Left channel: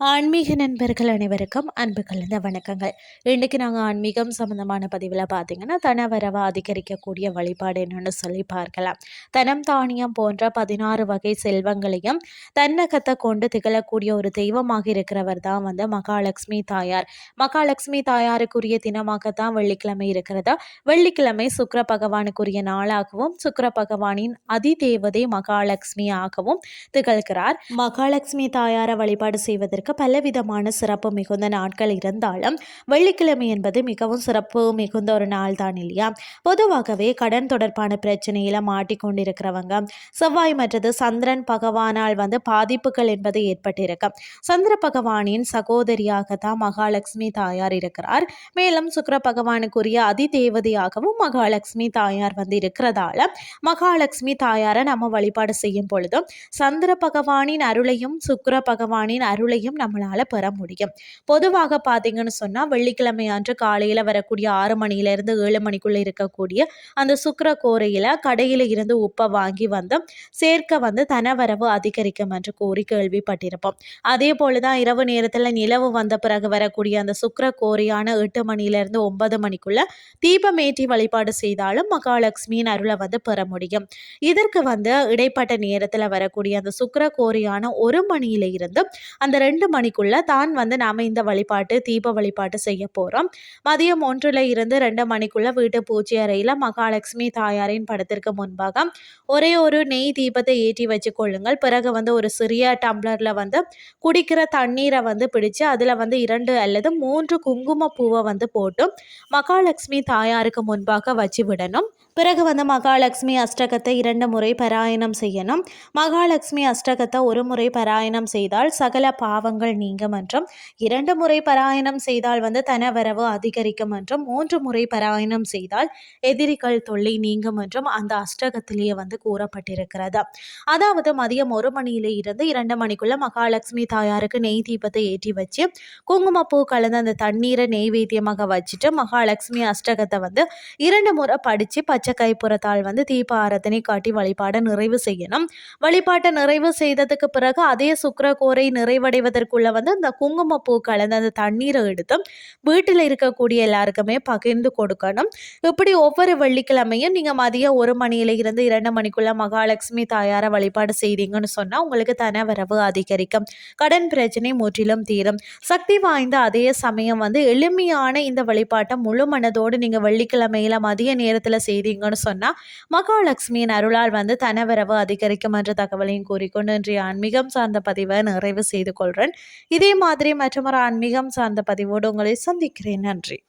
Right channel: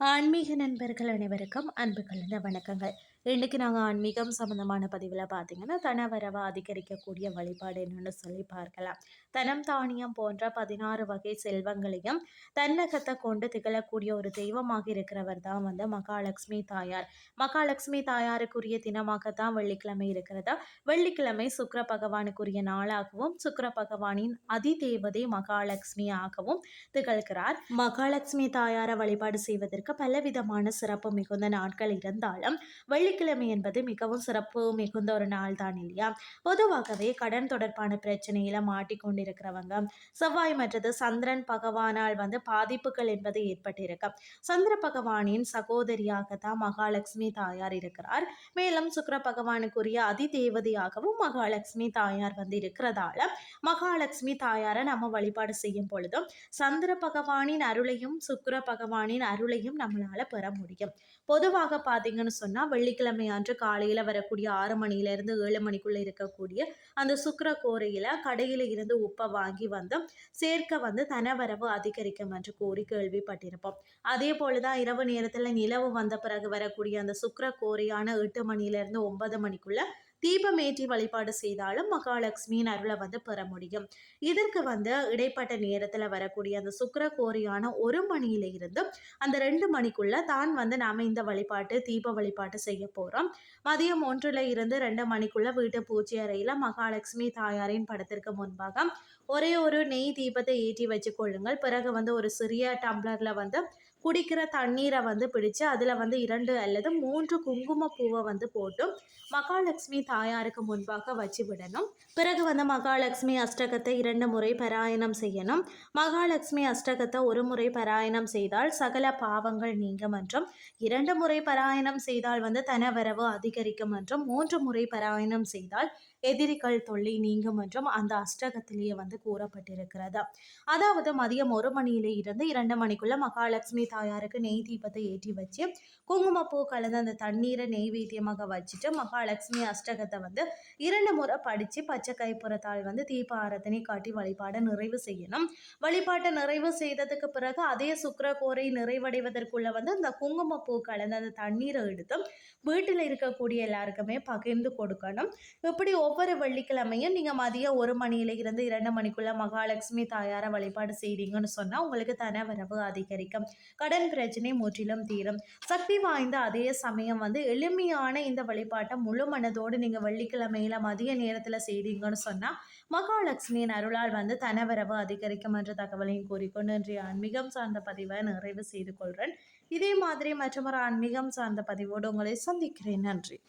ஆன்மீக நண்பர்கள் அனைவருக்கும் அன்பு கலந்த வணக்கங்கள். இன்றைக்கு நாங்கள் ஆன்மீகம் சம்மந்தமான பதிவில் பார்த்திங்கன்னா தன வரவை அதிகரிக்கக்கூடிய வழிபாடு என்னென்னு சொல்லி பார்க்கலாம். தனம் தானியம் போன்ற பதினாறு வகை செல்வங்களையும் தன்னகத்தை கொண்டு திகழக்கூடிய ஒரு தெய்வமாக இருக்கிறவர் தான் வந்து மகாலட்சுமி தாயார். மகாலட்சுமி தாயாருக்குரிய தினமாகத்தான் வெள்ளிக்கிழமை இருக்கிறதா? வெள்ளிக்கிழமை சுக்கர பகவானுக்குரிய நாளாகவும் சுக்கர பகவானின் அதி தேவதை மகாலட்சுமியாகவும் திகழ்கிறார். மகாலட்சுமி தாயாரை வழிபாடு செய்வதற்கு பலவிதமான சிறப்பு மிகுந்த நாட்கள் இருந்தாலும் வெள்ளிக்கிழமை என்பது மிகவும் சிறப்பு மிகுந்த ஒரு நாள் தான் இல்லையா? பொதுவாகவே கடன் தொடர்பான பிரச்சனையில் மாட்டிக்கொண்டிருக்கிறவங்க செவ்வாய் மற்றது சந்திரன் பகவானால் வந்து பாதிப்புகள் என்பது ஏற்பட்டிருக்கு சந்திர பகவானின் சகோதரியாக தான் மகாலட்சுமி தாயார் இருக்கிறார். மேலும் சுக்கர பகவானுக்குரிய அதி தேவதையாகவும் மகாலட்சுமி தாயார் வந்து இருக்கிறதால மகாலட்சுமி தாயாரை நம்ம வழிபாடு செய்யும் பொழுதும் சந்திர பகவானின் அருளையும் சுக்கர பகவானின் அருளையும் நம்மளால் பெற முடியும். பொதுவாக பார்த்தீங்கன்னு சொன்னால் வெள்ளிக்கிழமை அன்று காலையில் வரக்கூடிய ஆறு மணியிலேருந்து ஏழு மணிக்குள்ளே இருக்கக்கூடிய அந்த சுக்கர கோரையில் கடையில் இருந்து உப்பை வாங்கி வந்து சேர்க்க வந்து தனவரவு அதிகரிக்கும் என்று கூறி கேள்விப்பட்டிருப்போம். அதே போல தான் இரவு நேரத்தில் நிலவு வந்த பிறகு வரக்கூடிய அந்த சுக்கர கோரையான எட்டு மணியிலேருந்து ஒன்பது மணிக்குள்ள தீபமேற்றி வழிபாடு செய்தாலும் மகாலட்சுமியின் அருளை வந்து பெற முடியும். இதற்கு வந்து இடைப்பட்ட நேரத்தில் வரக்கூடிய அந்த சுக்கர கோரியான ஒரு மணியில இருந்து அந்த ரெண்டு மணிக்குள்ள தான் வந்து நாம் இந்த வழிபாட்டு தீப வழிபாட்டு செய்ய போகிறோம் மதியம் ஒன்றில் இருந்து ரெண்டு மணிக்குள்ள வீட்டு பூஜை அறையில் மகாலட்சுமி தாயாரின் படத்திற்கு முன்பாக ஒரே ஒரு நெய் தீபத்தை ஏற்றி வச்சு கொள்ளுங்கள். பிறகு வந்து ஒரு சிறிய டம்ளரில் வந்து குடிக்கிற தண்ணீரை வந்து பிடிச்சு அதில் வந்து இரண்டு அல்லது மூன்று குங்கும பூவை வந்து போட்டு மகாலட்சுமி தாயாருக்கு முன்பாக வச்சு விடணும். பிறகு வந்து மகாலட்சுமி அஷ்டகத்தை இரண்டு முறை பாராயணம் செய்யணும். மகாலட்சுமி அஷ்டகத்தை ஒரு முறை பாராயணம் செய்தால் சகல பாவங்கள் நீங்கும் என்றும் இரண்டு முறை பாராயணம் செய்தால் வந்து தனவரவு அதிகரிக்கும் என்றும் மூன்று முறை பாராயணம் செய்தால் எதிரிகள் தொல்லை நீங்கும் என்றும் அந்த அஷ்டகத்திலேயே வந்து கூறப்பட்டிருக்கிறது. அதாவது மதியம் ஒரு மணியிலே இருந்து இரண்டு மணிக்குள்ள மகாலட்சுமி தாயாருக்கு நெய் தீபத்தை ஏற்றி வச்சு குங்குமப்பூ கலந்த அந்த தண்ணீரை நெய்வேத்தியமாக வச்சுட்டு மகாலட்சுமி அஷ்டகத்தை வந்து இரண்டு முறை படித்து பச்சை கைப்புறத்தால் வந்து தீப ஆரத்தனை காட்டி வழிபாடை நிறைவு செய்யணும். வழிபாட்டை நிறைவு செய்ததுக்கு பிறகு அதே சுக்கரகோரை நிறைவடைவதற்குள்ள வந்து அந்த குங்குமப்பூ கலந்து அந்த தண்ணீரை எடுத்து வீட்டில் இருக்கக்கூடிய எல்லாருக்குமே பகிர்ந்து கொடுக்கணும். இப்படி ஒவ்வொரு வெள்ளிக்கிழமையும் நீங்கள் மதியம் ஒரு மணியில இருந்து இரண்டு மணிக்குள்ள மகாலட்சுமி தாயாரை வழிபாடு செய்தீங்கன்னு சொன்னால் உங்களுக்கு தன வரவு அதிகரிக்கும். கடன் பிரச்சனை முற்றிலும் தீரும். சக்தி வாய்ந்த அதே சமயம் வந்து எளிமையான இந்த வழிபாட்டை முழு மனதோடு நீங்கள் வெள்ளிக்கிழமையில மதிய நேரத்தில் செய்தீங்கன்னு சொன்னால் மகாலட்சுமியின் அருளால் வந்து தனவரவு அதிகரிக்கும் என்ற தகவலையும் கூறிக்கொண்டு இன்றைய ஆன்மீகம் சார்ந்த பதிவை நிறைவு செய்து கொள்கிறேன் இதே மாதிரி மற்றொரு ஆன்மீகம் சார்ந்த பதிவோடு உங்களை சந்திக்கிறேன். நன்றி.